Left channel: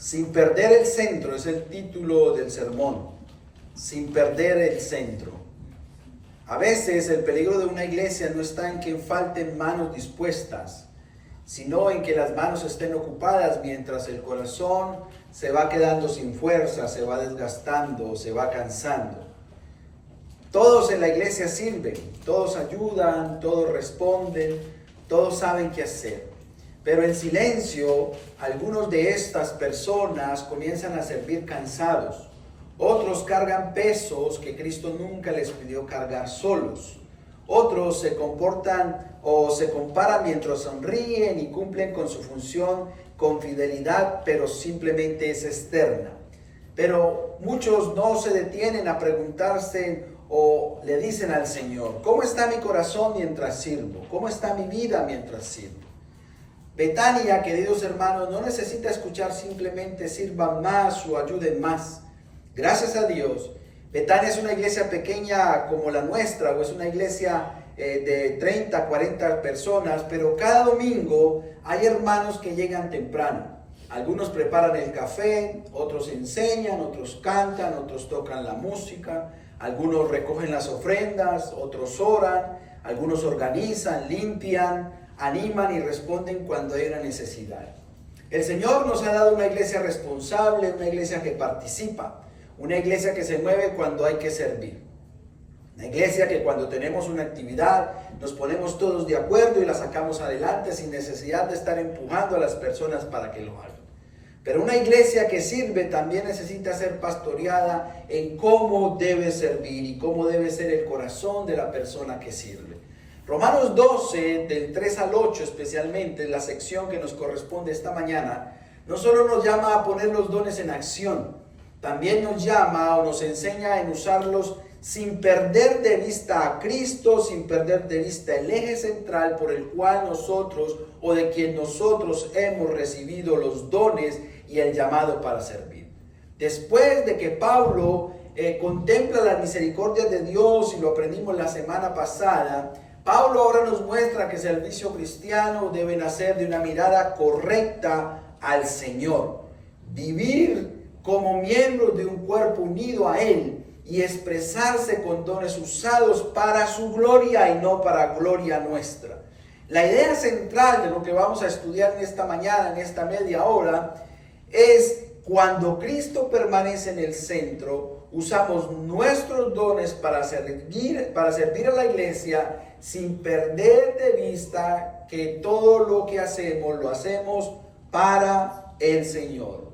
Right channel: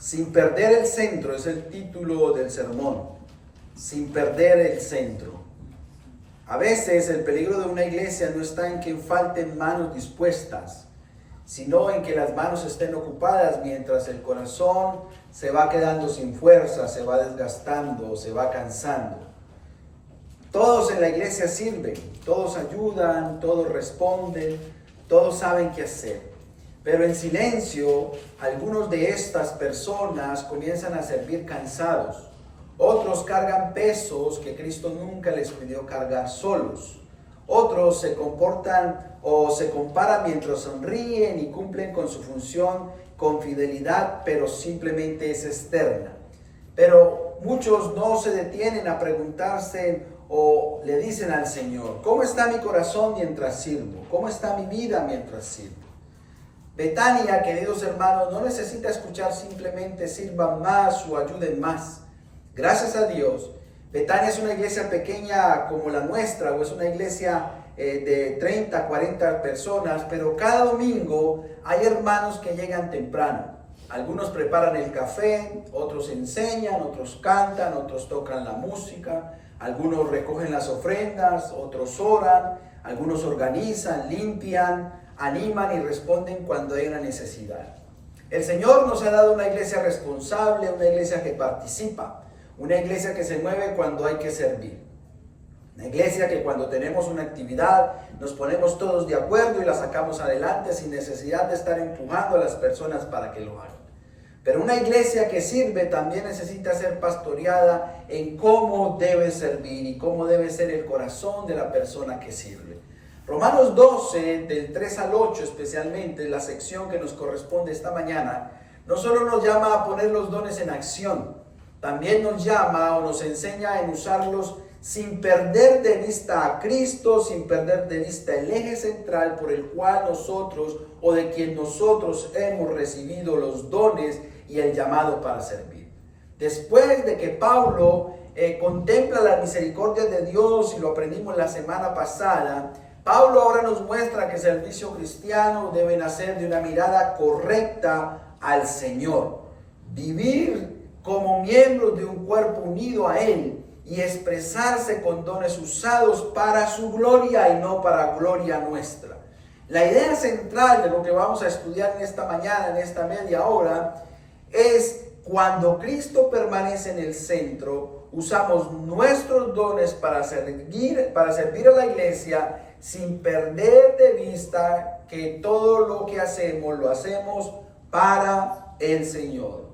Sin perder el centro es el título del sermón. Sin perder el centro. A veces el peligro de una iglesia no está en que falten manos dispuestas, sino en que las manos estén ocupadas mientras el corazón se va quedando sin fuerza, se va desgastando, se va cansando. Todos en la iglesia sirven, todos ayudan, todos responden, todos saben qué hacer. Pero en silencio, algunos de estas personas comienzan a servir cansados. Otros cargan pesos que Cristo nunca les pidió cargar solos. Otros se comportan o se comparan mientras sonríen y cumplen con su función con fidelidad, pero simplemente es externa. Pero muchos no se detienen a preguntarse o le dicen al Señor: ¿cómo está mi corazón mientras sirvo? ¿Cómo está mi vida mientras sirvo? Betania, queridos hermanos, no necesita escuchar simplemente sirvan más o ayuden más. Gracias a Dios, Betania es una iglesia pequeña como la nuestra, o es una iglesia de 30, 40 personas, pero cada domingo hay hermanos que llegan temprano. Algunos preparan el café, otros enseñan, otros cantan, otros tocan la música, algunos recogen las ofrendas, otros oran, algunos organizan, limpian, animan y responden cuando hay una necesidad. El Señor nos ha dado una iglesia responsable, una iglesia que participa, una iglesia que se mueve cuando hay que servir. Una iglesia que cuando tenemos una actividad nos ponemos todos de acuerdo y la sacamos adelante sin necesidad de estar empujando a las personas para que lo hagan. Pero una iglesia que sirve también necesita ser pastoreada en cómo debe servir y cómo debe ser el corazón de la persona que sirve. Romanos 12, del 3 al 8 especialmente, la sección que nos corresponde esta mañana, no solo nos llama a poner los dones en acción, también nos llama o nos enseña en usarlos sin perder de vista a Cristo, sin perder de vista el eje central por el cual nosotros o de quien nosotros hemos recibido los dones y el llamado para servir. Después de que Pablo contempla la misericordia de Dios, y lo aprendimos la semana pasada, Pablo ahora nos muestra que el servicio cristiano debe nacer de una mirada correcta al Señor. Vivir como miembros de un cuerpo unido a Él y expresarse con dones usados para su gloria y no para gloria nuestra. La idea central de lo que vamos a estudiar en esta mañana, en esta media hora, es cuando Cristo permanece en el centro, usamos nuestros dones para servir a la iglesia sin perder de vista que todo lo que hacemos lo hacemos para el Señor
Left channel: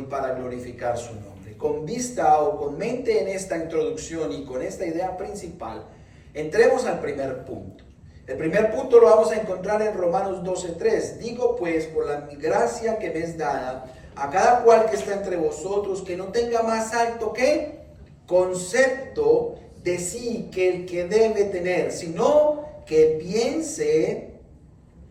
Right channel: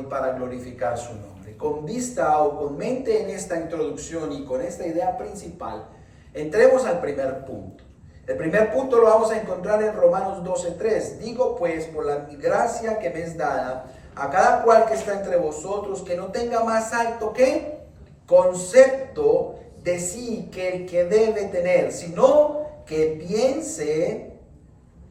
y para glorificar su nombre. Con vista o con mente en esta introducción y con esta idea principal, entremos al primer punto. El primer punto lo vamos a encontrar en Romanos 12:3. Digo pues, por la gracia que me es dada, a cada cual que está entre vosotros, que no tenga más alto que concepto de sí que el que debe tener, sino que piense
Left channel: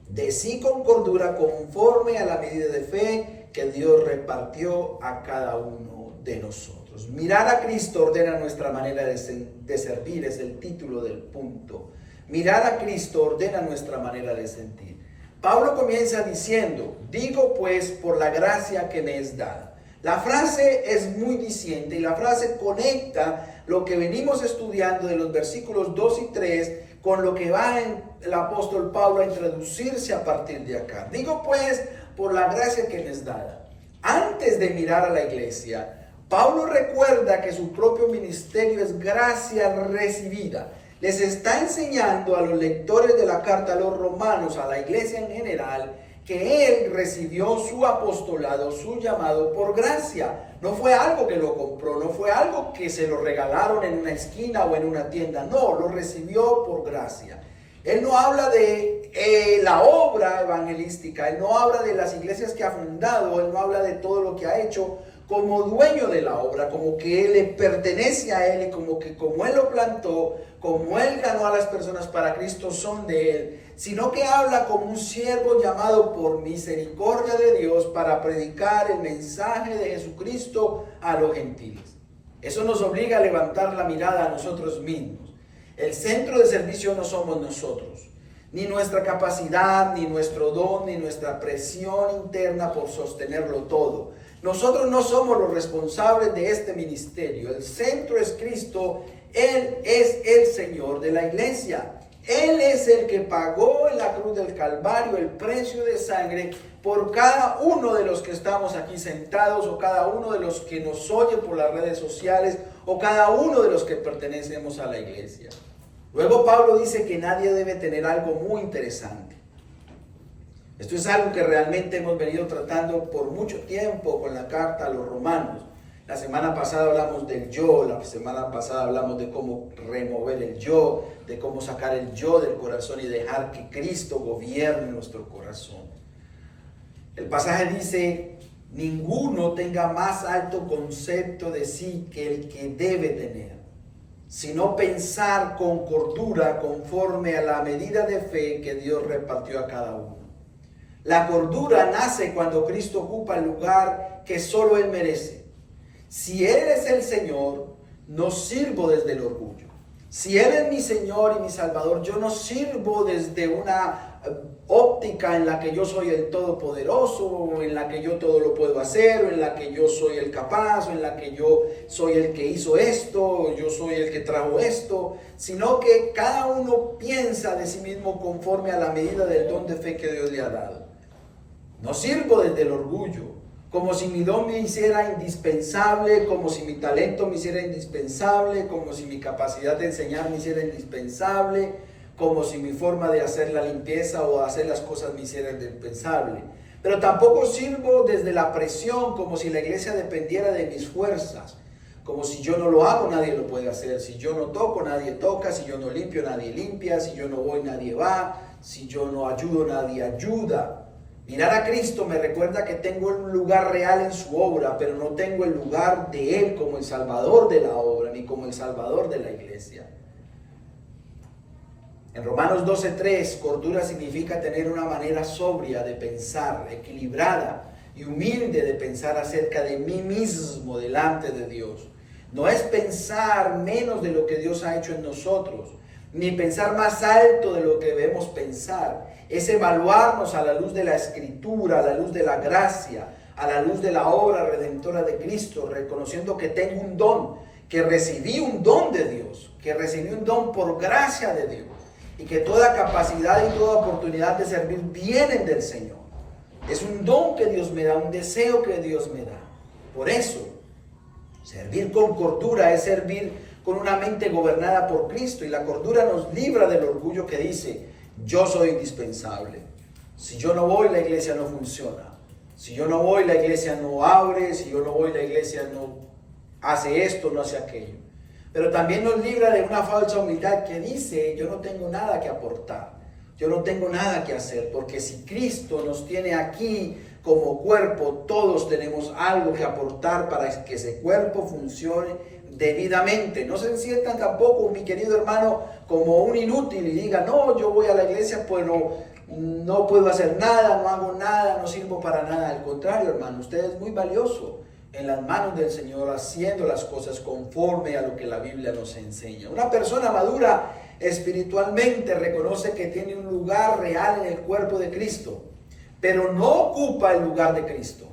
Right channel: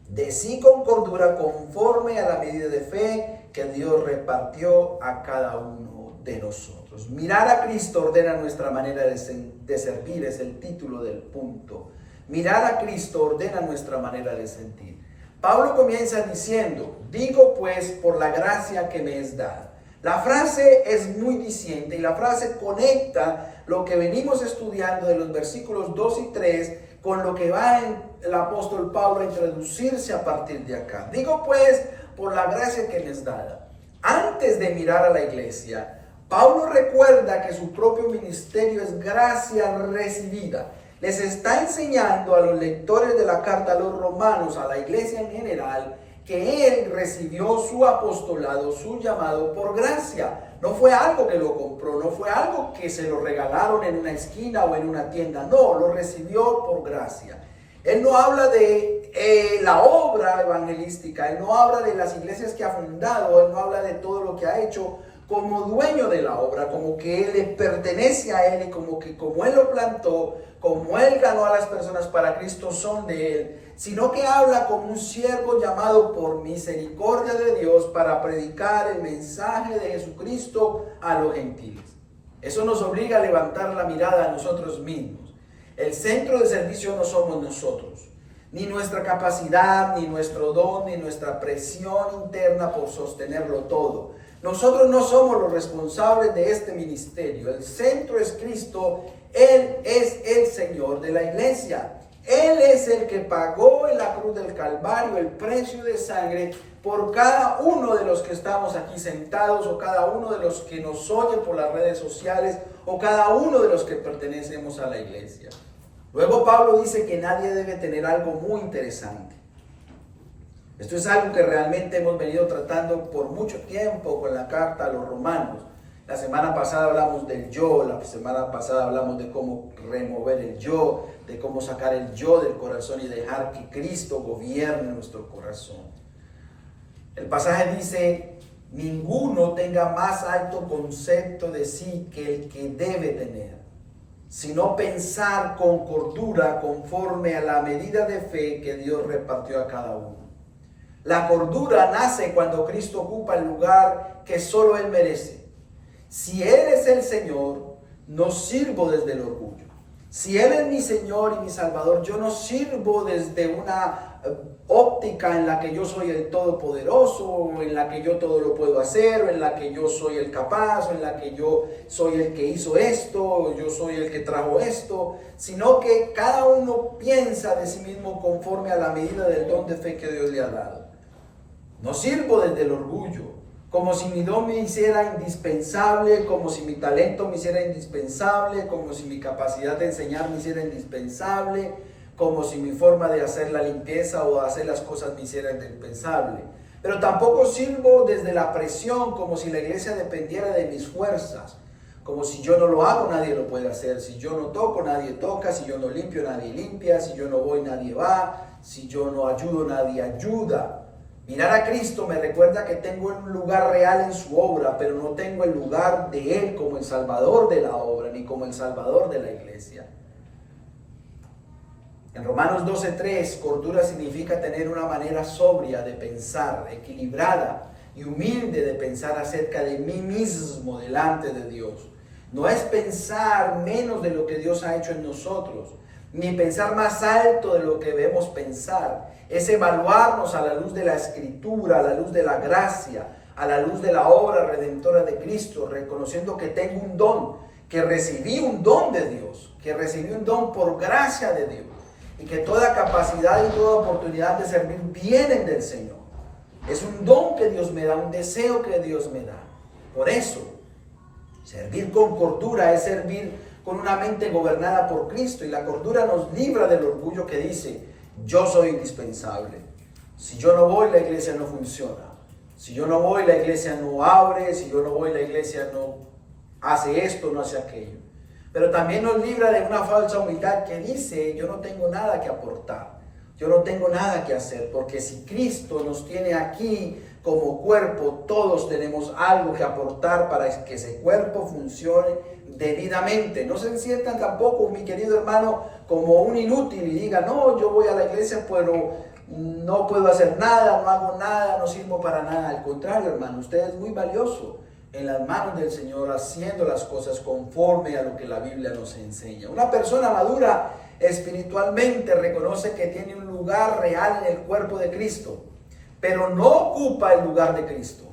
de sí con cordura, conforme a la medida de fe que Dios repartió a cada uno de nosotros. Mirar a Cristo ordena nuestra manera de servir, es el título del punto. Mirar a Cristo ordena nuestra manera de sentir. Pablo comienza diciendo: digo pues por la gracia que me es dada. La frase es muy diciente y la frase conecta lo que venimos estudiando de los versículos 2 y 3 con lo que va el apóstol Pablo a introducirse a partir de acá. Digo pues por la gracia que me es dada. Antes de mirar a la iglesia, Pablo recuerda que su propio ministerio es gracia recibida. Les está enseñando a los lectores de la carta a los romanos, a la iglesia en general, que él recibió su apostolado, su llamado por gracia. No fue algo que lo compró, no fue algo que se lo regalaron en una esquina o en una tienda. No, lo recibió por gracia. Él no habla de la obra evangelística, él no habla de las iglesias que ha fundado, él no habla de todo lo que ha hecho como dueño de la obra, como que él le pertenece a él y como que como él lo plantó, como él ganó a las personas para Cristo son de él, sino que habla como un siervo llamado por misericordia de Dios para predicar el mensaje de Jesucristo a los gentiles. Eso nos obliga a levantar la mirada a nosotros mismos. El centro de servicio no somos nosotros. ni nuestra capacidad, ni nuestro don, ni nuestra presión interna por sostenerlo todo. Nosotros no somos los responsables de este ministerio. El centro es Cristo. Él es el Señor de la iglesia. Él es el que pagó en la cruz del Calvario el precio de sangre por cada uno de los que estamos aquí sentados, o cada uno de los que nos oyen por las redes sociales, o cada uno de los que pertenecemos a la iglesia. Luego Pablo dice que nadie debe tener algo muy interesante. Esto es algo que realmente hemos venido tratando por mucho tiempo con la carta a los romanos. La semana pasada hablamos del yo, la semana pasada hablamos de cómo remover el yo, de cómo sacar el yo del corazón y dejar que Cristo gobierne nuestro corazón. El pasaje dice: ninguno tenga más alto concepto de sí que el que debe tener, sino pensar con cordura conforme a la medida de fe que Dios repartió a cada uno. La cordura nace cuando Cristo ocupa el lugar que solo Él merece. Si Él es el Señor, no sirvo desde el orgullo. Si Él es mi Señor y mi Salvador, yo no sirvo desde una óptica en la que yo soy el todopoderoso, o en la que yo todo lo puedo hacer, o en la que yo soy el capaz, o en la que yo soy el que hizo esto, o yo soy el que trajo esto, sino que cada uno piensa de sí mismo conforme a la medida del don de fe que Dios le ha dado. No sirvo desde el orgullo, como si mi don me hiciera indispensable, como si mi talento me hiciera indispensable, como si mi capacidad de enseñar me hiciera indispensable, como si mi forma de hacer la limpieza o de hacer las cosas me hiciera indispensable. Pero tampoco sirvo desde la presión, como si la iglesia dependiera de mis fuerzas, como si yo no lo hago, nadie lo puede hacer, si yo no toco, nadie toca, si yo no limpio, nadie limpia, si yo no voy, nadie va, si yo no ayudo, nadie ayuda. Mirar a Cristo me recuerda que tengo un lugar real en su obra, pero no tengo el lugar de Él como el Salvador de la obra, ni como el Salvador de la iglesia. En Romanos 12:3, cordura significa tener una manera sobria de pensar, equilibrada y humilde de pensar acerca de mí mismo delante de Dios. No es pensar menos de lo que Dios ha hecho en nosotros, ni pensar más alto de lo que debemos pensar. Es evaluarnos a la luz de la Escritura, a la luz de la gracia, a la luz de la obra redentora de Cristo, reconociendo que tengo un don, que recibí un don de Dios, que recibí un don por gracia de Dios, y que toda capacidad y toda oportunidad de servir vienen del Señor. Es un don que Dios me da, un deseo que Dios me da. Por eso, servir con cordura es servir con una mente gobernada por Cristo, y la cordura nos libra del orgullo que dice: yo soy indispensable. Si yo no voy, la iglesia no funciona. Si yo no voy, la iglesia no abre. Si yo no voy, la iglesia no hace esto, no hace aquello. Pero también nos libra de una falsa humildad que dice: yo no tengo nada que aportar, yo no tengo nada que hacer, porque si Cristo nos tiene aquí como cuerpo, todos tenemos algo que aportar para que ese cuerpo funcione debidamente. No se sientan tampoco, mi querido hermano, como un inútil y digan: no, yo voy a la iglesia pero no puedo hacer nada, no hago nada, no sirvo para nada. Al contrario, hermano, usted es muy valioso en las manos del Señor, haciendo las cosas conforme a lo que la Biblia nos enseña. Una persona madura espiritualmente reconoce que tiene un lugar real en el cuerpo de Cristo, pero no ocupa el lugar de Cristo,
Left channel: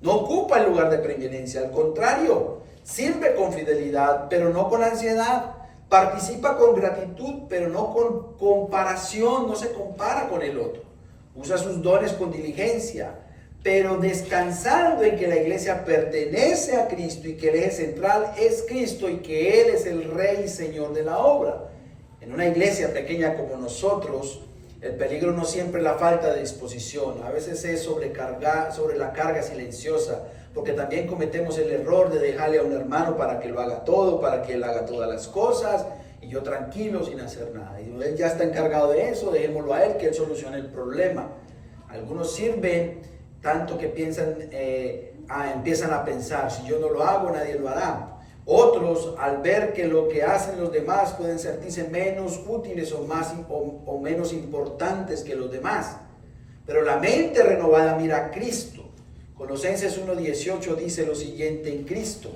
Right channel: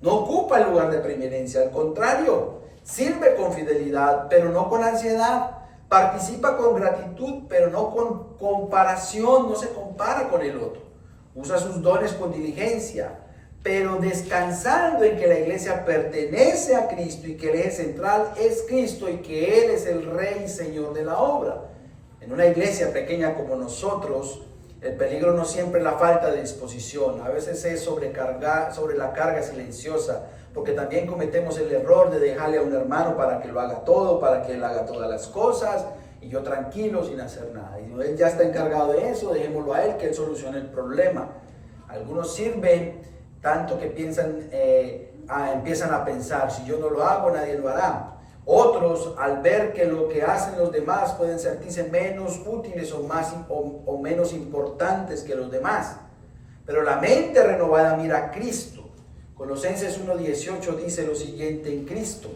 no ocupa el lugar de preeminencia. Al contrario, sirve con fidelidad, pero no con ansiedad. Participa con gratitud, pero no con comparación, no se compara con el otro. Usa sus dones con diligencia, pero descansando en que la iglesia pertenece a Cristo y que el eje central es Cristo y que Él es el Rey y Señor de la obra. En una iglesia pequeña como nosotros, el peligro no siempre es la falta de disposición, a veces es sobre la carga silenciosa, porque también cometemos el error de dejarle a un hermano para que lo haga todo, para que él haga todas las cosas, y yo tranquilo sin hacer nada. Y él ya está encargado de eso, dejémoslo a él, que él solucione el problema. Algunos sirven tanto que empiezan a pensar: si yo no lo hago, nadie lo hará. Otros, al ver que lo que hacen los demás pueden sentirse menos útiles o menos importantes que los demás. Pero la mente renovada mira a Cristo. Colosenses 1:18 dice lo siguiente en Cristo.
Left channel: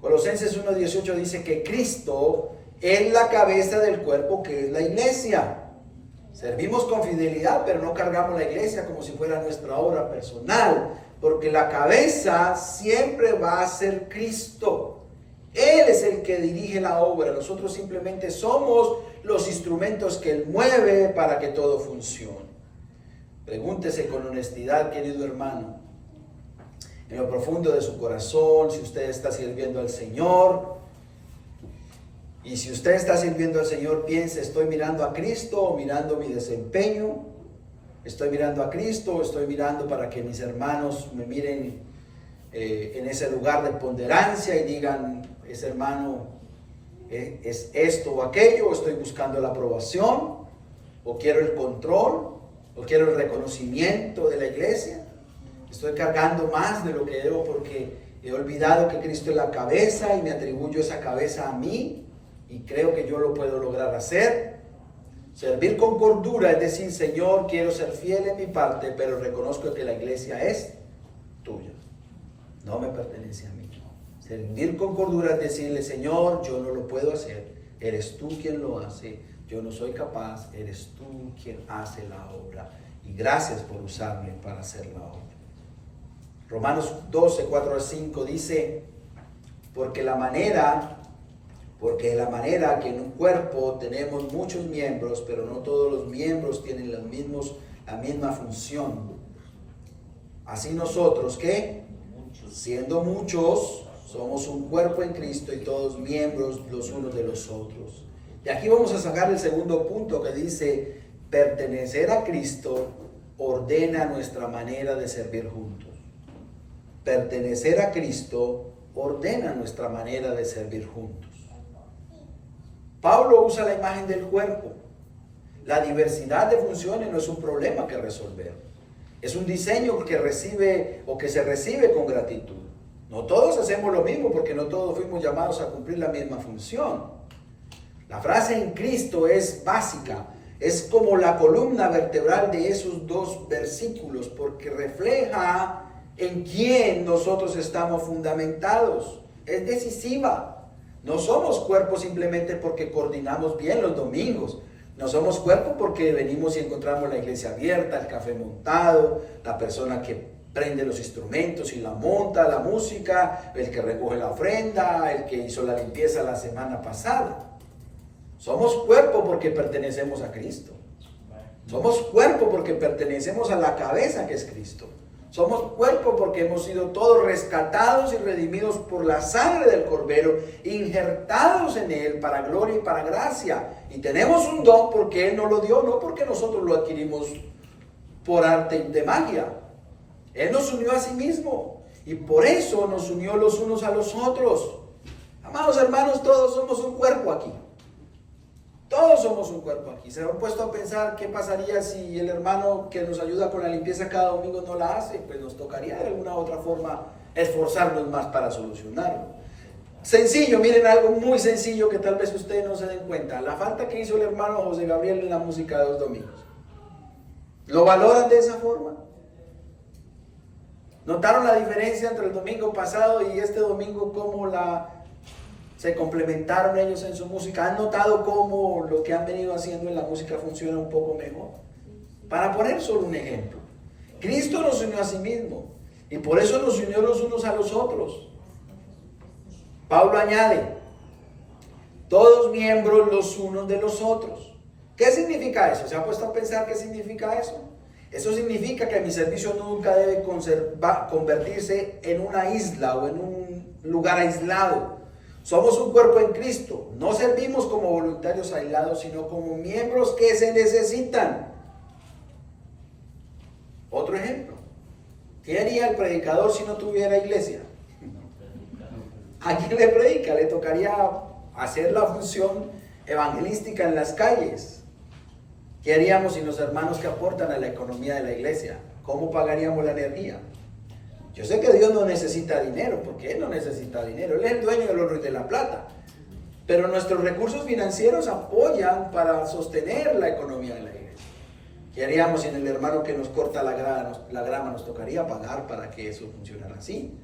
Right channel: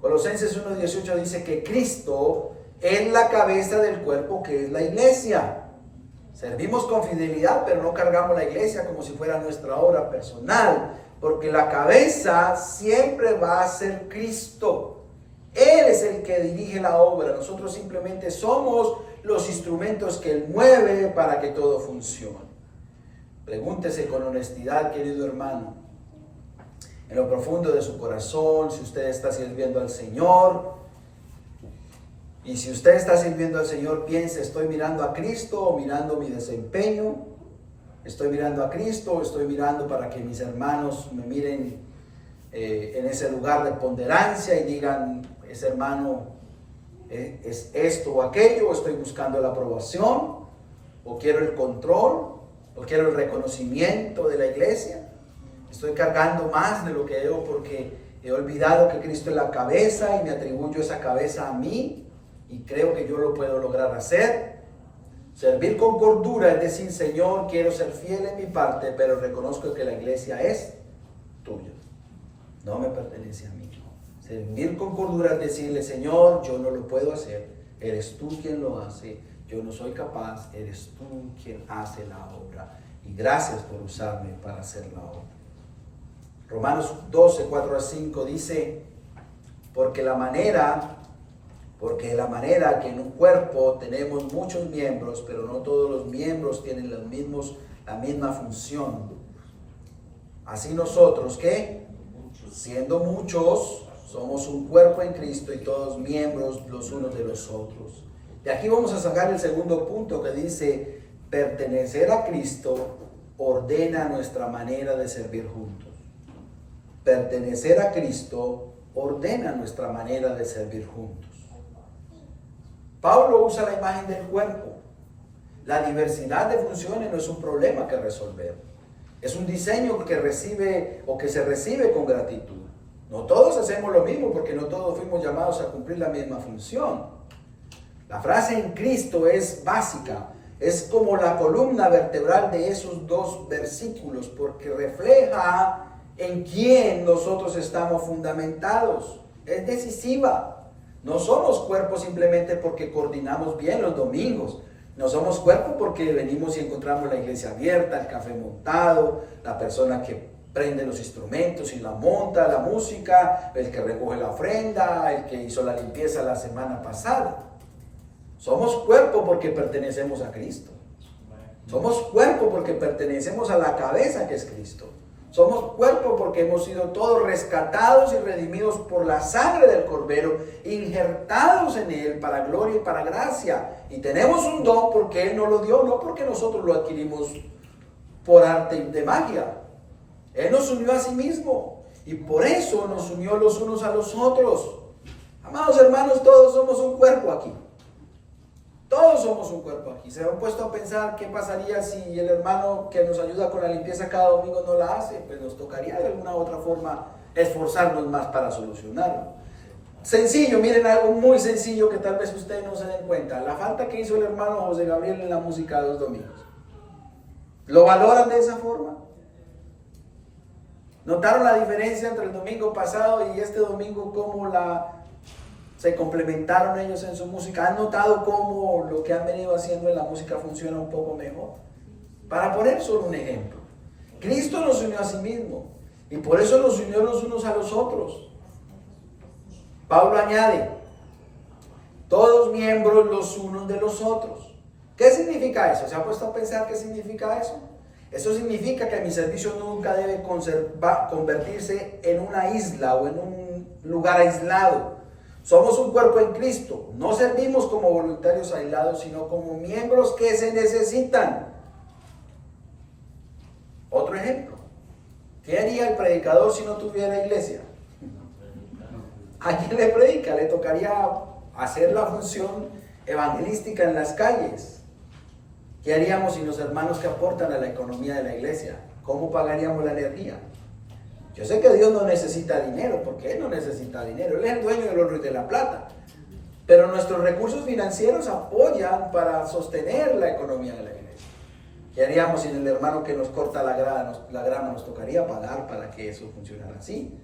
Colosenses 1:18 dice que Cristo es la cabeza del cuerpo que es la iglesia. Servimos con fidelidad, pero no cargamos la iglesia como si fuera nuestra obra personal, porque la cabeza siempre va a ser Cristo. Él es el que dirige la obra. Nosotros simplemente somos los instrumentos que Él mueve para que todo funcione. Pregúntese con honestidad, querido hermano, en lo profundo de su corazón, si usted está sirviendo al Señor. Y si usted está sirviendo al Señor, piense, ¿estoy mirando a Cristo o mirando mi desempeño? ¿Estoy mirando a Cristo o estoy mirando para que mis hermanos me miren en ese lugar de ponderancia y digan, ese hermano es esto o aquello? ¿O estoy buscando la aprobación? ¿O quiero el control? ¿O quiero el reconocimiento de la iglesia? ¿Estoy cargando más de lo que debo porque he olvidado que Cristo es la cabeza y me atribuyo esa cabeza a mí? Y creo que yo lo puedo lograr hacer. Servir con cordura es decir, Señor, quiero ser fiel en mi parte, pero reconozco que la iglesia es tuya, no me pertenece a mí. Servir con cordura es decirle, Señor, yo no lo puedo hacer, eres tú quien lo hace, yo no soy capaz, eres tú quien hace la obra. Y gracias por usarme para hacer la obra. Romanos 12, 4 a 5 dice, porque de la manera que en un cuerpo tenemos muchos miembros, pero no todos los miembros tienen la misma función. Así nosotros, ¿qué? Siendo muchos, somos un cuerpo en Cristo y todos miembros los unos de los otros. Y aquí vamos a sacar el segundo punto que dice, pertenecer a Cristo ordena nuestra manera de servir juntos. Pertenecer a Cristo ordena nuestra manera de servir juntos. Pablo usa la imagen del cuerpo. La diversidad de funciones no es un problema que resolver. Es un diseño que recibe o que se recibe con gratitud. No todos hacemos lo mismo porque no todos fuimos llamados a cumplir la misma función. La frase en Cristo es básica. Es como la columna vertebral de esos dos versículos porque refleja en quién nosotros estamos fundamentados. Es decisiva. No somos cuerpo simplemente porque coordinamos bien los domingos. No somos cuerpo porque venimos y encontramos la iglesia abierta, el café montado, la persona que prende los instrumentos y la monta, la música, el que recoge la ofrenda, el que hizo la limpieza la semana pasada. Somos cuerpo porque pertenecemos a Cristo. Somos cuerpo porque pertenecemos a la cabeza que es Cristo. Somos cuerpo porque hemos sido todos rescatados y redimidos por la sangre del Cordero, injertados en Él para gloria y para gracia. Y tenemos un don porque Él nos lo dio, no porque nosotros lo adquirimos por arte de magia. Él nos unió a sí mismo y por eso nos unió los unos a los otros. Amados hermanos, todos somos un cuerpo aquí. Todos somos un cuerpo aquí. ¿Se han puesto a pensar qué pasaría si el hermano que nos ayuda con la limpieza cada domingo no la hace? Pues nos tocaría de alguna u otra forma esforzarnos más para solucionarlo. Sencillo, miren algo muy sencillo que tal vez ustedes no se den cuenta. La falta que hizo el hermano José Gabriel en la música de los domingos. ¿Lo valoran de esa forma? ¿Notaron la diferencia entre el domingo pasado y este domingo? ¿Cómo se complementaron ellos en su música? ¿Han notado cómo lo que han venido haciendo en la música funciona un poco mejor? Para poner solo un ejemplo, Cristo nos unió a sí mismo y por eso nos unió los unos a los otros. Pablo añade, todos miembros los unos de los otros. ¿Qué significa eso? ¿Se ha puesto a pensar qué significa eso? Eso significa que mi servicio nunca debe convertirse en una isla o en un lugar aislado. Somos un cuerpo en Cristo. No servimos como voluntarios aislados, sino como miembros que se necesitan. Otro ejemplo. ¿Qué haría el predicador si no tuviera iglesia? ¿A quién le predica? Le tocaría hacer la función evangelística en las calles. ¿Qué haríamos sin los hermanos que aportan a la economía de la iglesia? ¿Cómo pagaríamos la energía? Yo sé que Dios no necesita dinero, porque Él no necesita dinero. Él es el dueño del oro y de la plata. Pero nuestros recursos financieros apoyan para sostener la economía de la iglesia. ¿Qué haríamos sin el hermano que nos corta la grama? Nos tocaría pagar para que eso funcionara así.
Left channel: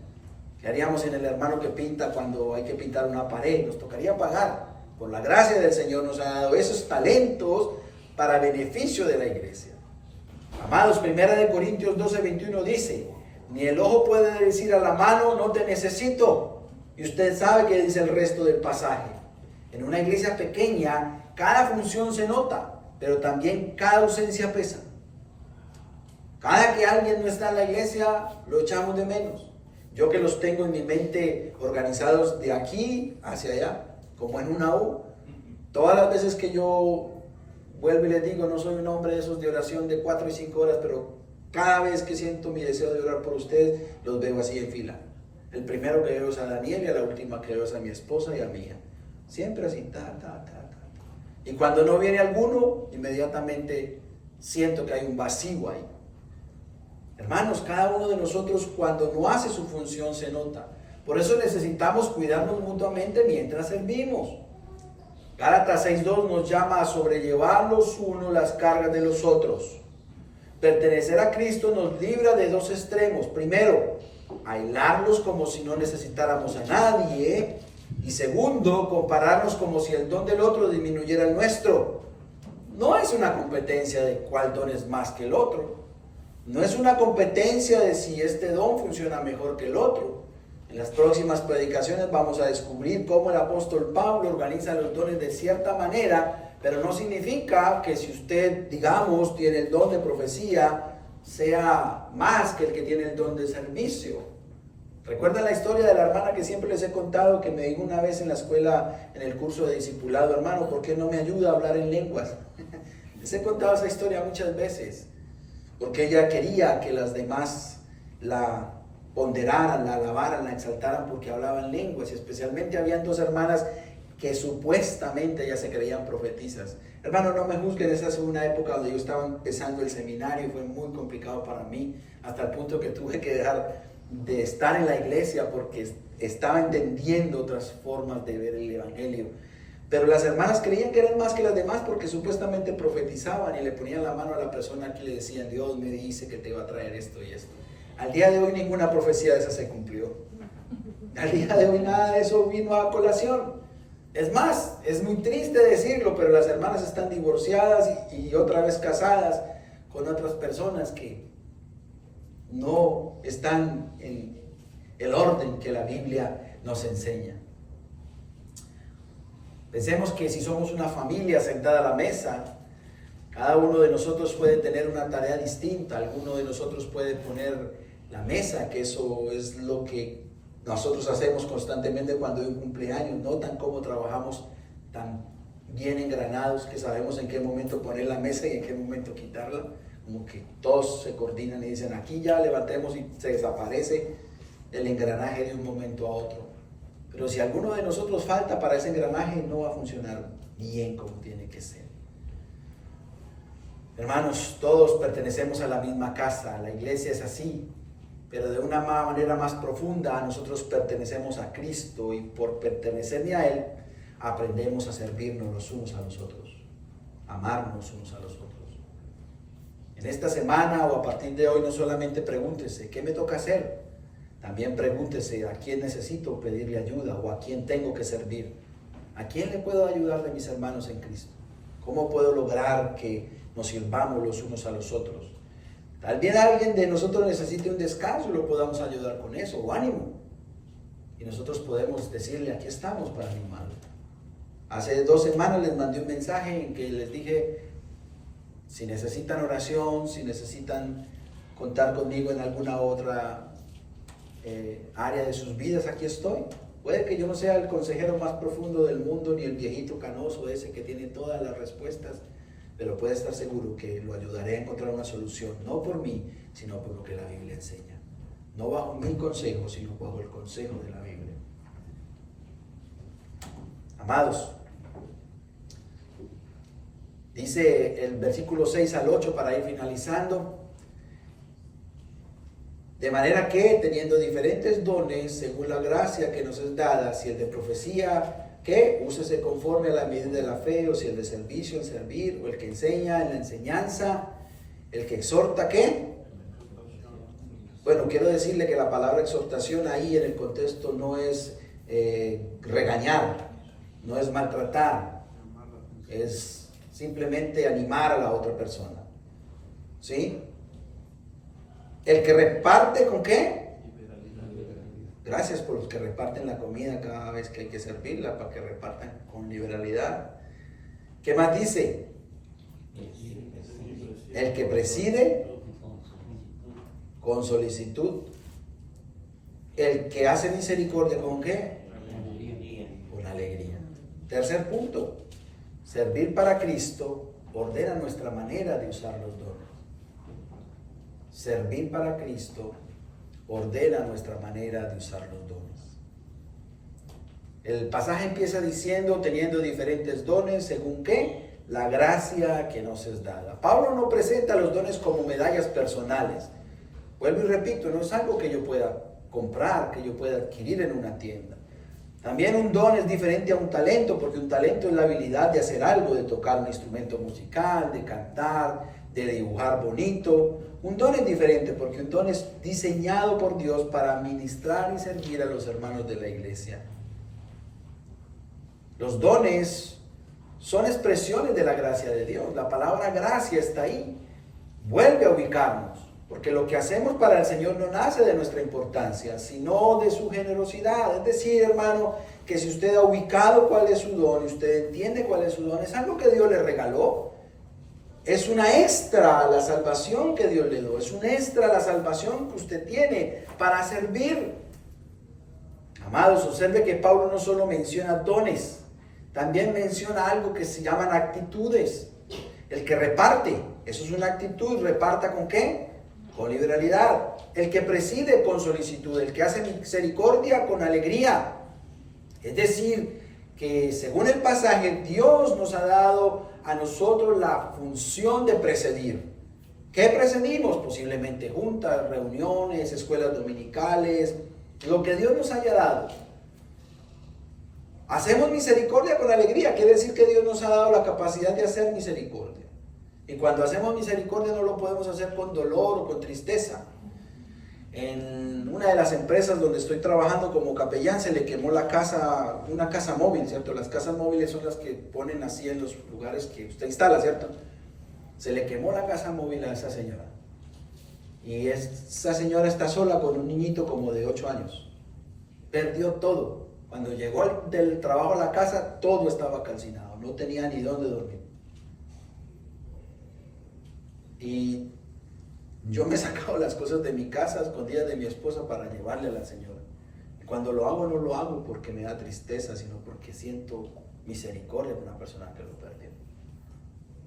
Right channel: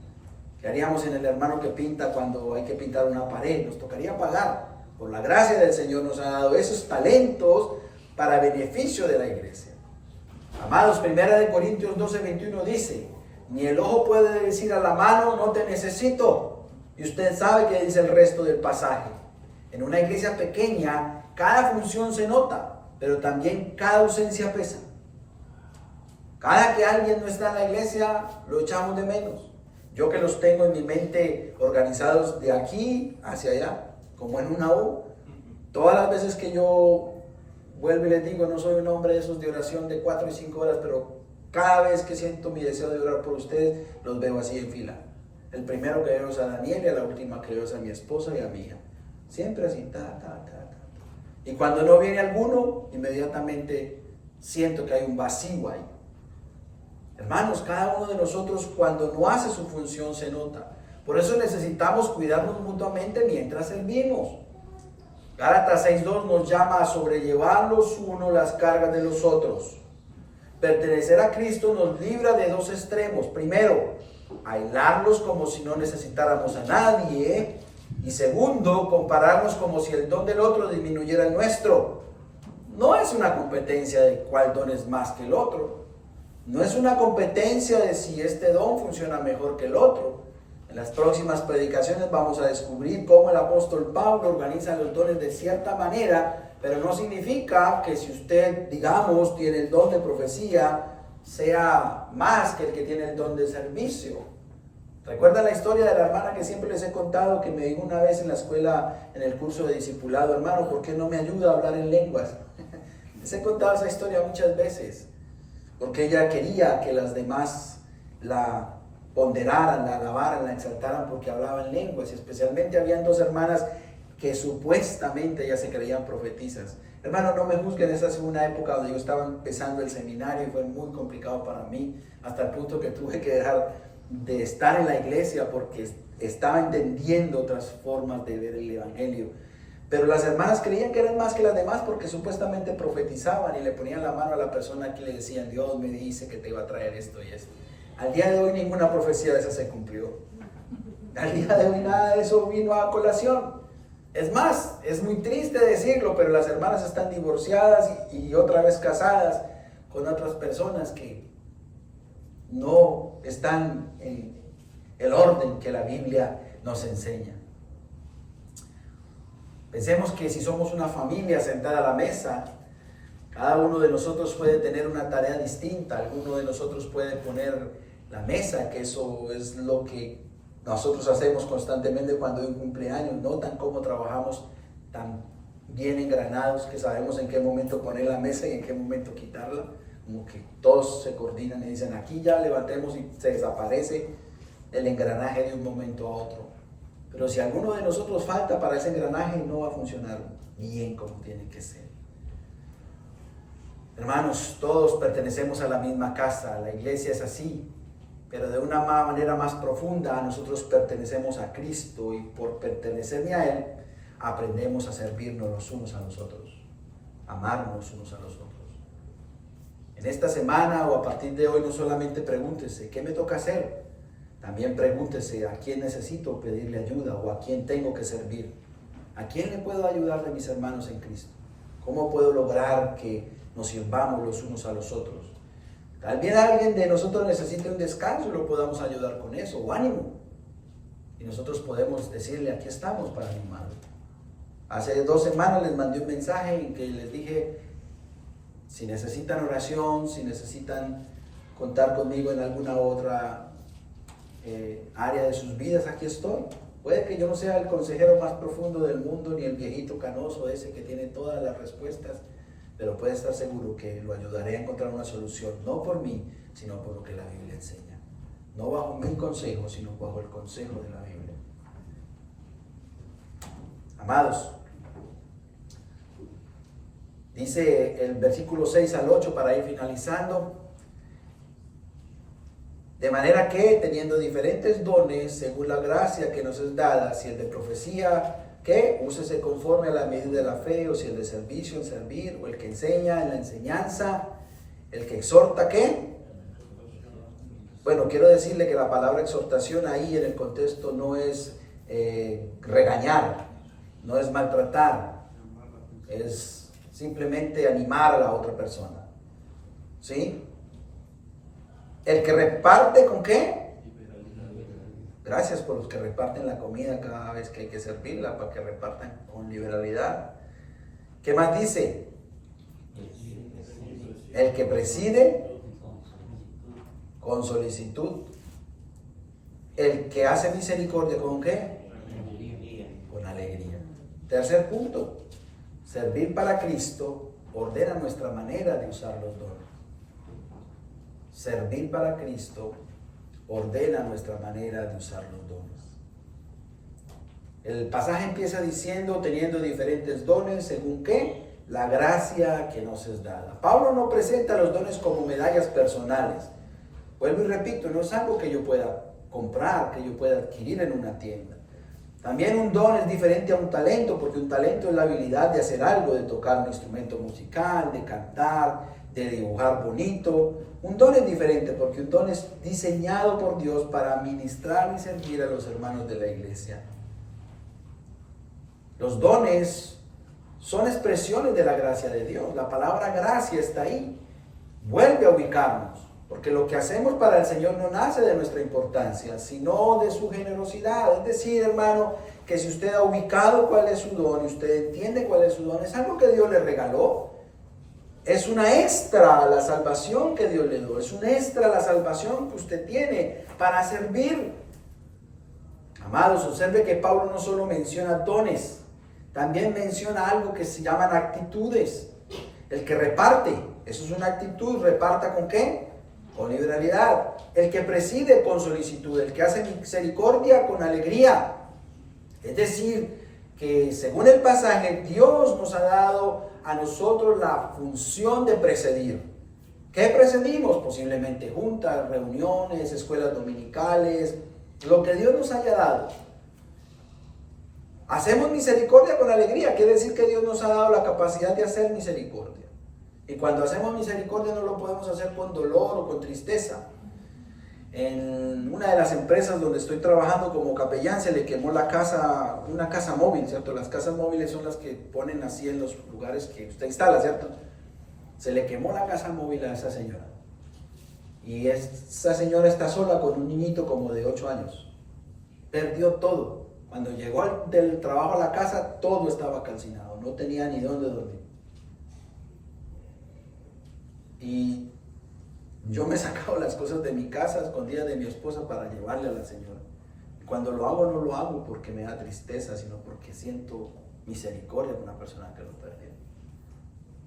¿Qué haríamos sin el hermano que pinta cuando hay que pintar una pared? Nos tocaría pagar, Por la gracia del Señor nos ha dado esos talentos para beneficio de la iglesia. Amados, 1 Corintios 12:21 dice, ni el ojo puede decir a la mano, no te necesito. Y usted sabe que dice el resto del pasaje. En una iglesia pequeña, cada función se nota, pero también cada ausencia pesa. Cada que alguien no está en la iglesia, lo echamos de menos. Yo que los tengo en mi mente organizados de aquí hacia allá, como en una U. Todas las veces que yo vuelvo y les digo, no soy un hombre de esos de oración de 4 y 5 horas, pero cada vez que siento mi deseo de orar por ustedes, los veo así en fila. El primero que veo es a Daniel y a la última que veo es a mi esposa y a mi hija. Siempre así, Y cuando no viene alguno, inmediatamente siento que hay un vacío ahí. Hermanos, cada uno de nosotros cuando no hace su función se nota. Por eso necesitamos cuidarnos mutuamente mientras servimos. Gálatas 6:2 nos llama a sobrellevar los unos las cargas de los otros. Pertenecer a Cristo nos libra de dos extremos. Primero, aislarnos como si no necesitáramos a nadie. Y segundo, compararnos como si el don del otro disminuyera el nuestro. No es una competencia de cuál don es más que el otro. No es una competencia de si este don funciona mejor que el otro. En las próximas predicaciones vamos a descubrir cómo el apóstol Pablo organiza los dones de cierta manera, pero no significa que si usted, digamos, tiene el don de profecía, sea más que el que tiene el don de servicio. ¿Recuerdan la historia de la hermana que siempre les he contado, que me dijo una vez en la escuela, en el curso de discipulado, hermano, ¿por qué no me ayuda a hablar en lenguas? Les he contado esa historia muchas veces, porque ella quería que las demás la ponderaran, la alabaran, la exaltaran porque hablaban lenguas, y especialmente habían 2 hermanas que supuestamente ya se creían profetizas. Hermano, no me juzguen, esa es una época donde yo estaba empezando el seminario y fue muy complicado para mí, hasta el punto que tuve que dejar de estar en la iglesia porque estaba entendiendo otras formas de ver el evangelio. Pero las hermanas creían que eran más que las demás porque supuestamente profetizaban y le ponían la mano a la persona que le decían, Dios me dice que te va a traer esto y esto. Al día de hoy ninguna profecía de esa se cumplió. Al día de hoy nada de eso vino a colación. Es más, es muy triste decirlo, pero las hermanas están divorciadas y otra vez casadas con otras personas que no están en el orden que la Biblia nos enseña. Pensemos que si somos una familia sentada a la mesa, cada uno de nosotros puede tener una tarea distinta. Alguno de nosotros puede poner la mesa, que eso es lo que nosotros hacemos constantemente cuando hay un cumpleaños. Notan cómo trabajamos tan bien engranados que sabemos en qué momento poner la mesa y en qué momento quitarla. Como que todos se coordinan y dicen, aquí ya levantemos, y se desaparece el engranaje de un momento a otro. Pero si alguno de nosotros falta para ese engranaje, no va a funcionar bien como tiene que ser. Hermanos, todos pertenecemos a la misma casa, la iglesia es así, pero de una manera más profunda nosotros pertenecemos a Cristo y por pertenecerme a Él, aprendemos a servirnos los unos a los otros, amarnos unos a los otros. En esta semana o a partir de hoy no solamente pregúntese, ¿qué me toca hacer? También pregúntese, ¿a quién necesito pedirle ayuda o a quién tengo que servir? ¿A quién le puedo ayudar de mis hermanos en Cristo? ¿Cómo puedo lograr que nos sirvamos los unos a los otros? Tal vez alguien de nosotros necesite un descanso y lo podamos ayudar con eso, o ánimo. Y nosotros podemos decirle, aquí estamos para animarlo. Hace 2 semanas les mandé un mensaje en que les dije, si necesitan oración, si necesitan contar conmigo en alguna otra área de sus vidas, aquí estoy. Puede que yo no sea el consejero más profundo del mundo, ni el viejito canoso ese que tiene todas las respuestas, pero puede estar seguro que lo ayudaré a encontrar una solución, no por mí, sino por lo que la Biblia enseña. No bajo mi consejo, sino bajo el consejo de la Biblia. Amados, dice el versículo 6 al 8 para ir finalizando. De manera que, teniendo diferentes dones, según la gracia que nos es dada, si el de profecía, ¿qué? Úsese conforme a la medida de la fe, o si el de servicio, en servir, o el que enseña, en la enseñanza, el que exhorta, ¿qué? Bueno, quiero decirle que la palabra exhortación ahí en el contexto no es regañar, no es maltratar, es simplemente animar a la otra persona. ¿Sí? El que reparte, ¿con qué? Gracias por los que reparten la comida cada vez que hay que servirla, para que repartan con liberalidad. ¿Qué más dice? El que preside con solicitud. El que hace misericordia, ¿con qué? Con alegría. Tercer punto, servir para Cristo ordena nuestra manera de usar los dones. Servir para Cristo ordena nuestra manera de usar los dones. El pasaje empieza diciendo, teniendo diferentes dones, según qué, la gracia que nos es dada. Pablo no presenta los dones como medallas personales. Vuelvo y repito, no es algo que yo pueda comprar, que yo pueda adquirir en una tienda. También un don es diferente a un talento, porque un talento es la habilidad de hacer algo, de tocar un instrumento musical, de cantar, de dibujar bonito. Un don es diferente porque un don es diseñado por Dios para ministrar y servir a los hermanos de la iglesia. Los dones son expresiones de la gracia de Dios. La palabra gracia está ahí. Vuelve a ubicarnos, porque lo que hacemos para el Señor no nace de nuestra importancia, sino de su generosidad. Es decir, hermano, que si usted ha ubicado cuál es su don, usted entiende cuál es su don, es algo que Dios le regaló. Es una extra a la salvación que Dios le dio. Es un extra a la salvación que usted tiene para servir. Amados, observe que Pablo no solo menciona dones, también menciona algo que se llaman actitudes. El que reparte, eso es una actitud. ¿Reparta con qué? Con liberalidad. El que preside, con solicitud. El que hace misericordia, con alegría. Es decir, que según el pasaje, Dios nos ha dado a nosotros la función de presidir. ¿Qué presidimos? Posiblemente juntas, reuniones, escuelas dominicales, lo que Dios nos haya dado. Hacemos misericordia con alegría, quiere decir que Dios nos ha dado la capacidad de hacer misericordia. Y cuando hacemos misericordia no lo podemos hacer con dolor o con tristeza. En una de las empresas donde estoy trabajando como capellán se le quemó la casa, una casa móvil, ¿cierto? Las casas móviles son las que ponen así en los lugares que usted instala, ¿cierto? Se le quemó la casa móvil a esa señora. Y esa señora está sola con un niñito como de 8 años. Perdió todo. Cuando llegó del trabajo a la casa, todo estaba calcinado. No tenía ni dónde dormir. Y yo me he sacado las cosas de mi casa, escondidas de mi esposa, para llevarle a la señora. Y cuando lo hago, no lo hago porque me da tristeza, sino porque siento misericordia por una persona que lo perdió.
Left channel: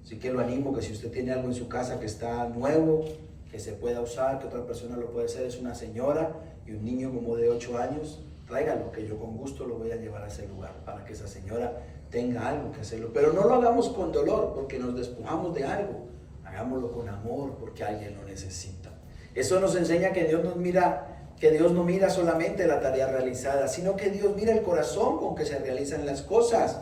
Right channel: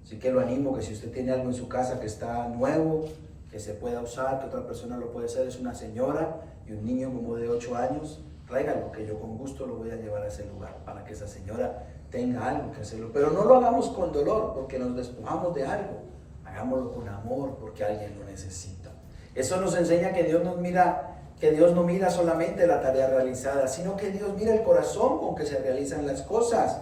Así que lo animo que si usted tiene algo en su casa que está nuevo, que se pueda usar, que otra persona lo puede hacer, es una señora y un niño como de 8 años, tráigalo, que yo con gusto lo voy a llevar a ese lugar para que esa señora tenga algo que hacerlo. Pero no lo hagamos con dolor porque nos despojamos de algo. Hagámoslo con amor porque alguien lo necesita. Eso nos enseña que Dios no mira solamente la tarea realizada, sino que Dios mira el corazón con que se realizan las cosas.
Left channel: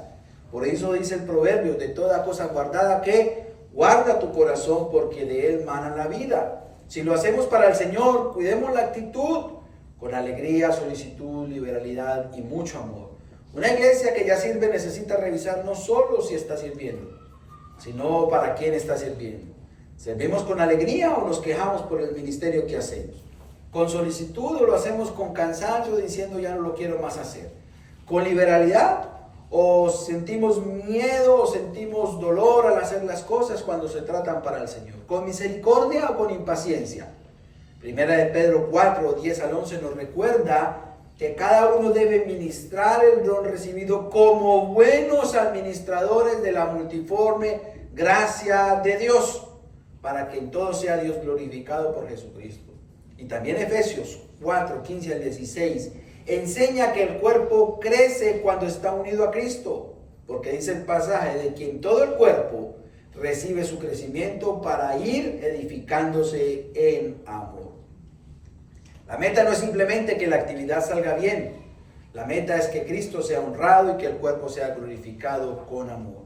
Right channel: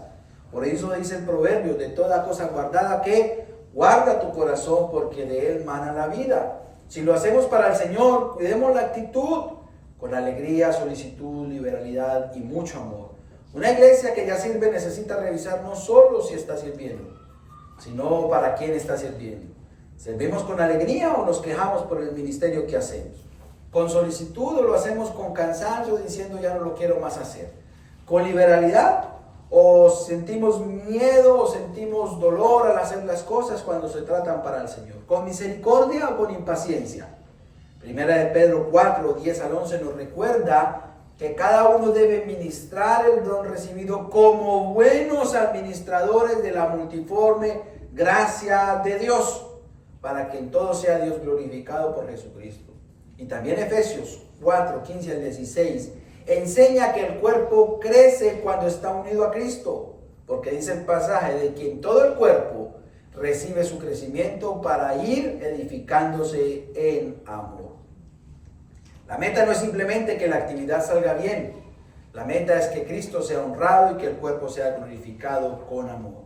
Por eso dice el proverbio, de toda cosa guardada, que guarda tu corazón porque de él mana la vida. Si lo hacemos para el Señor, cuidemos la actitud con alegría, solicitud, liberalidad y mucho amor. Una iglesia que ya sirve necesita revisar no solo si está sirviendo, sino para quién está sirviendo. ¿Servimos con alegría o nos quejamos por el ministerio que hacemos? ¿Con solicitud o lo hacemos con cansancio diciendo ya no lo quiero más hacer? ¿Con liberalidad o sentimos miedo o sentimos dolor al hacer las cosas cuando se tratan para el Señor? ¿Con misericordia o con impaciencia? Primera de Pedro 4, 10 al 11 nos recuerda que cada uno debe ministrar el don recibido como buenos administradores de la multiforme gracia de Dios, para que en todo sea Dios glorificado por Jesucristo. Y también Efesios 4, 15 al 16 enseña que el cuerpo crece cuando está unido a Cristo, porque dice el pasaje de quien todo el cuerpo recibe su crecimiento para ir edificándose en amor. La meta no es simplemente que la actividad salga bien, la meta es que Cristo sea honrado y que el cuerpo sea glorificado con amor.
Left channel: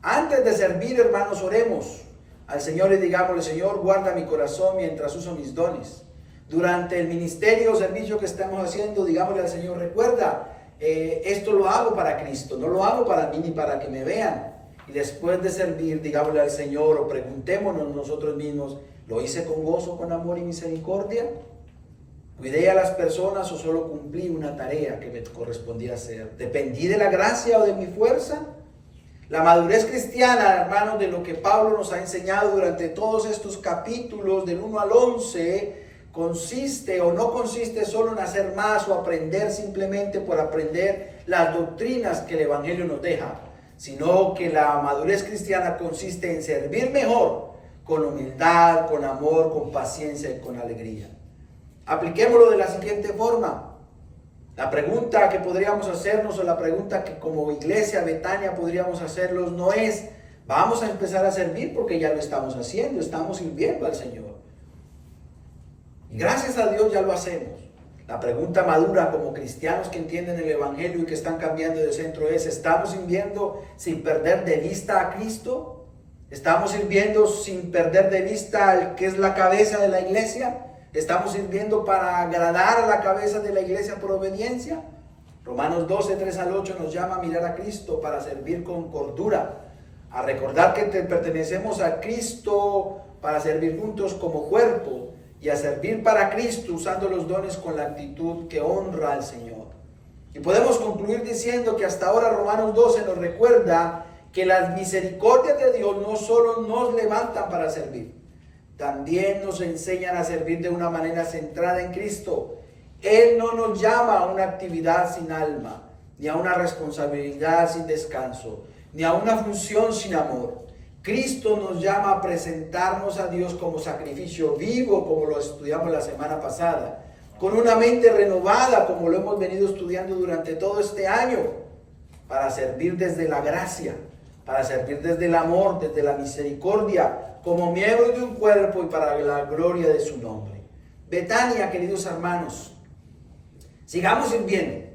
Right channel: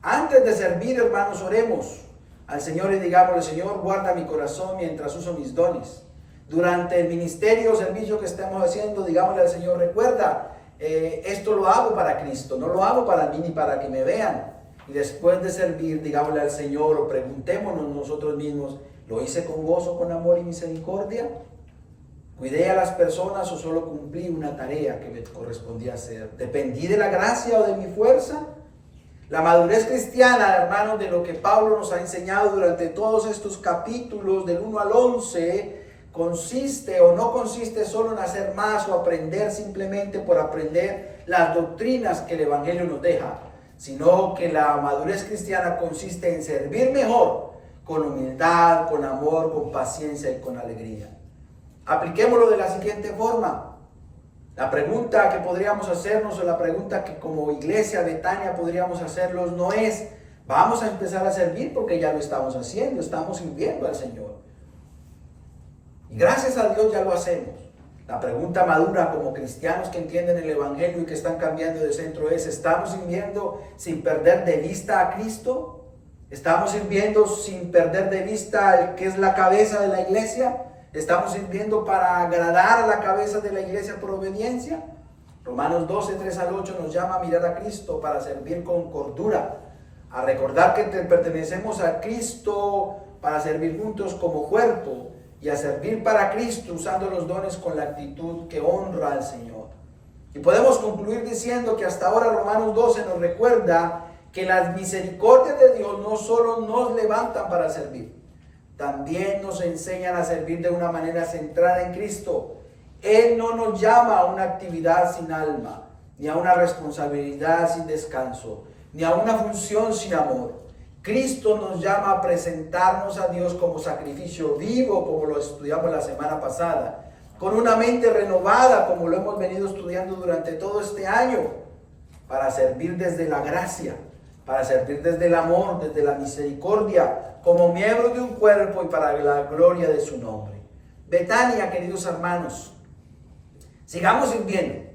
Antes de servir, hermanos, oremos al Señor y digámosle: Señor, guarda mi corazón mientras uso mis dones. Durante el ministerio o servicio que estamos haciendo, digámosle al Señor: recuerda esto lo hago para Cristo, no lo hago para mí ni para que me vean. Y después de servir, digámosle al Señor o preguntémonos nosotros mismos, ¿lo hice con gozo, con amor y misericordia? ¿Cuidé a las personas o solo cumplí una tarea que me correspondía hacer? ¿Dependí de la gracia o de mi fuerza? La madurez cristiana, hermanos, de lo que Pablo nos ha enseñado durante todos estos capítulos del 1 al 11, consiste o no consiste solo en hacer más o aprender simplemente por aprender las doctrinas que el Evangelio nos deja, sino que la madurez cristiana consiste en servir mejor, con humildad, con amor, con paciencia y con alegría. Apliquémoslo de la siguiente forma. La pregunta que podríamos hacernos, o la pregunta que como iglesia Betania podríamos hacernos, no es, vamos a empezar a servir porque ya lo estamos haciendo, estamos sirviendo al Señor. Y gracias a Dios ya lo hacemos. La pregunta madura como cristianos que entienden el Evangelio y que están cambiando de centro es, ¿estamos sirviendo sin perder de vista a Cristo? ¿Estamos sirviendo sin perder de vista al que es la cabeza de la iglesia? ¿Estamos sirviendo para agradar a la cabeza de la iglesia por obediencia? Romanos 12, 3 al 8 nos llama a mirar a Cristo para servir con cordura, a recordar que pertenecemos a Cristo para servir juntos como cuerpo y a servir para Cristo usando los dones con la actitud que honra al Señor. Y podemos concluir diciendo que hasta ahora Romanos 12 nos recuerda que las misericordias de Dios no solo nos levantan para servir, también nos enseñan a servir de una manera centrada en Cristo. Él no nos llama a una actividad sin alma, ni a una responsabilidad sin descanso, ni a una función sin amor. Cristo nos llama a presentarnos a Dios como sacrificio vivo, como lo estudiamos la semana pasada, con una mente renovada, como lo hemos venido estudiando durante todo este año, para servir desde la gracia, para servir desde el amor, desde la misericordia, como miembros de un cuerpo y para la gloria de su nombre. Betania, queridos hermanos, sigamos sirviendo,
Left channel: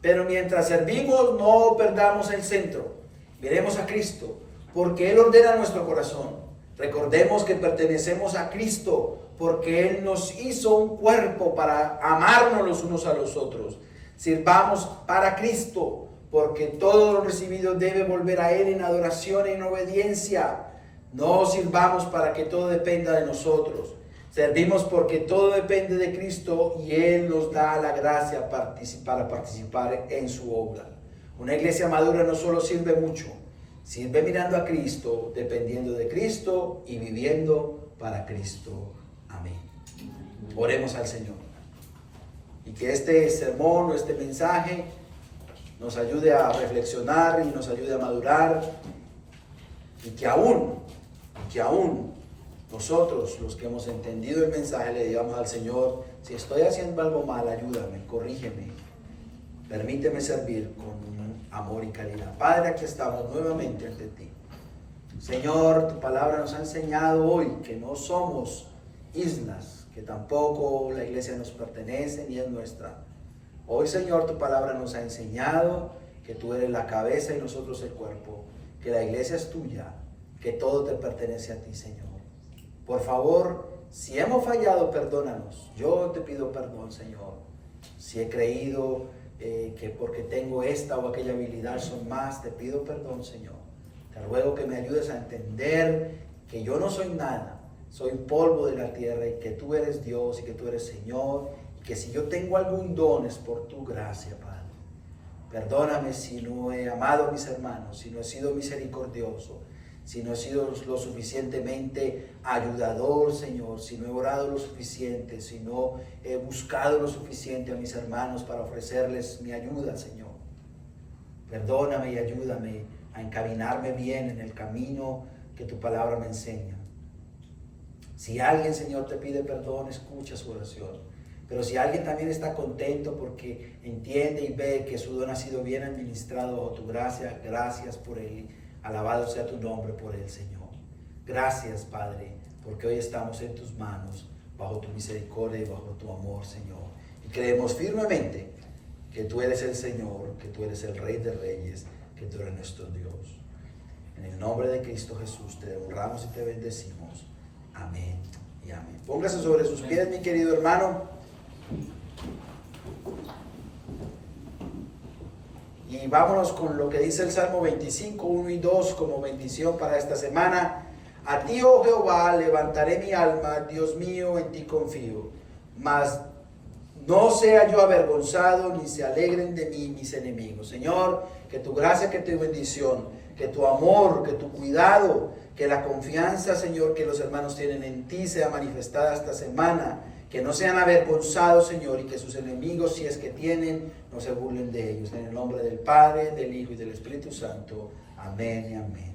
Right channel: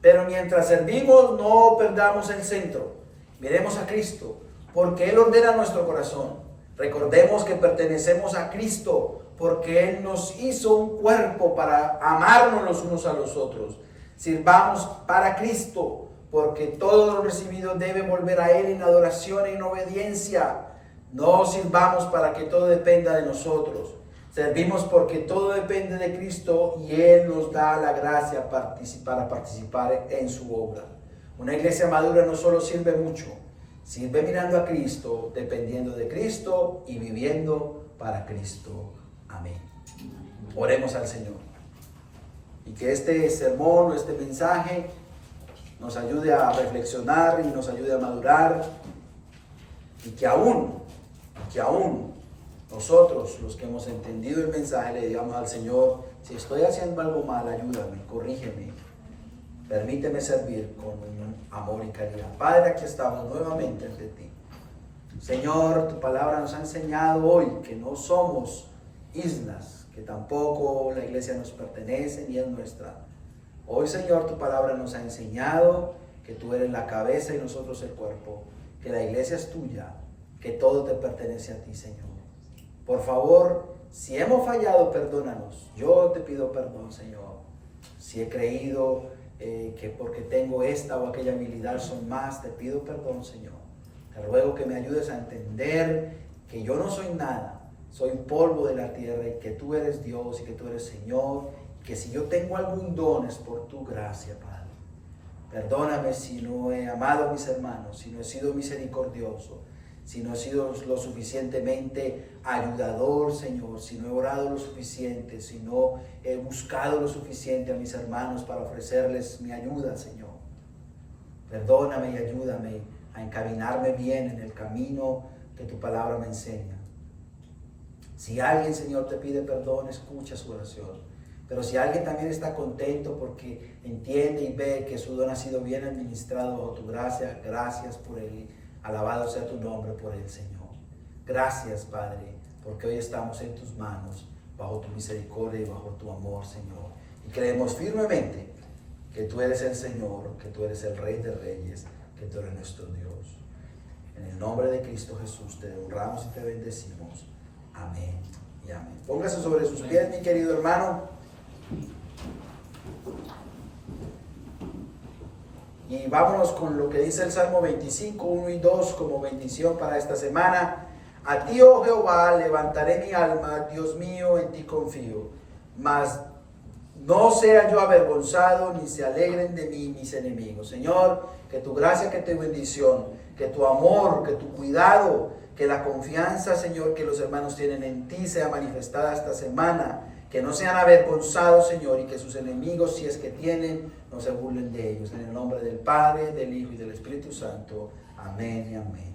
pero mientras servimos no perdamos el centro. Miremos a Cristo, porque Él ordena nuestro corazón. Recordemos que pertenecemos a Cristo, porque Él nos hizo un cuerpo para amarnos los unos a los otros. Sirvamos para Cristo, porque todo lo recibido debe volver a Él en adoración y en obediencia. No sirvamos para que todo dependa de nosotros. Servimos porque todo depende de Cristo y Él nos da la gracia para participar en su obra. Una iglesia madura no solo sirve mucho, sirve mirando a Cristo, dependiendo de Cristo y viviendo para Cristo. Amén. Oremos al Señor. Y que este sermón o este mensaje nos ayude a reflexionar y nos ayude a madurar. Y que aún nosotros, los que hemos entendido el mensaje, le digamos al Señor, si estoy haciendo algo mal, ayúdame, corrígeme, permíteme servir con amor y caridad. Padre, aquí estamos nuevamente ante ti. Señor, tu palabra nos ha enseñado hoy que no somos islas, que tampoco la iglesia nos pertenece ni es nuestra. Hoy, Señor, tu palabra nos ha enseñado que tú eres la cabeza y nosotros el cuerpo, que la iglesia es tuya, que todo te pertenece a ti, Señor. Por favor, si hemos fallado, perdónanos. Yo te pido perdón, Señor. Si he creído que porque tengo esta o aquella habilidad son más, te pido perdón, Señor. Te ruego que me ayudes a entender que yo no soy nada, soy polvo de la tierra y que tú eres Dios y que tú eres Señor. Y que si yo tengo algún don es por tu gracia, Padre. Perdóname si no he amado a mis hermanos, si no he sido misericordioso, si no he sido lo suficientemente ayudador, Señor, si no he orado lo suficiente, si no he buscado lo suficiente a mis hermanos para ofrecerles mi ayuda, Señor. Perdóname y ayúdame a encaminarme bien en el camino que tu palabra me enseña. Si alguien, Señor, te pide perdón, escucha su oración. Pero si alguien también está contento porque entiende y ve que su don ha sido bien administrado bajo tu gracia, gracias por él. Alabado sea tu nombre por el Señor. Gracias, Padre, porque hoy estamos en tus manos, bajo tu misericordia y bajo tu amor, Señor. Y creemos firmemente que tú eres el Señor, que tú eres el Rey de Reyes, que tú eres nuestro Dios. En el nombre de Cristo Jesús te honramos y te bendecimos. Amén y amén. Póngase sobre sus pies, mi querido hermano. Y vámonos con lo que dice el Salmo 25, 1 y 2 como bendición para esta semana. A ti, oh Jehová, levantaré mi alma, Dios mío, en ti confío. Mas no sea yo avergonzado, ni se alegren de mí mis enemigos. Señor, que tu gracia, que tu bendición, que tu amor, que tu cuidado, que la confianza, Señor, que los hermanos tienen en ti sea manifestada esta semana. Que no sean avergonzados, Señor, y que sus enemigos, si es que tienen, no se burlen de ellos. En el nombre del Padre, del Hijo y del Espíritu Santo. Amén y amén.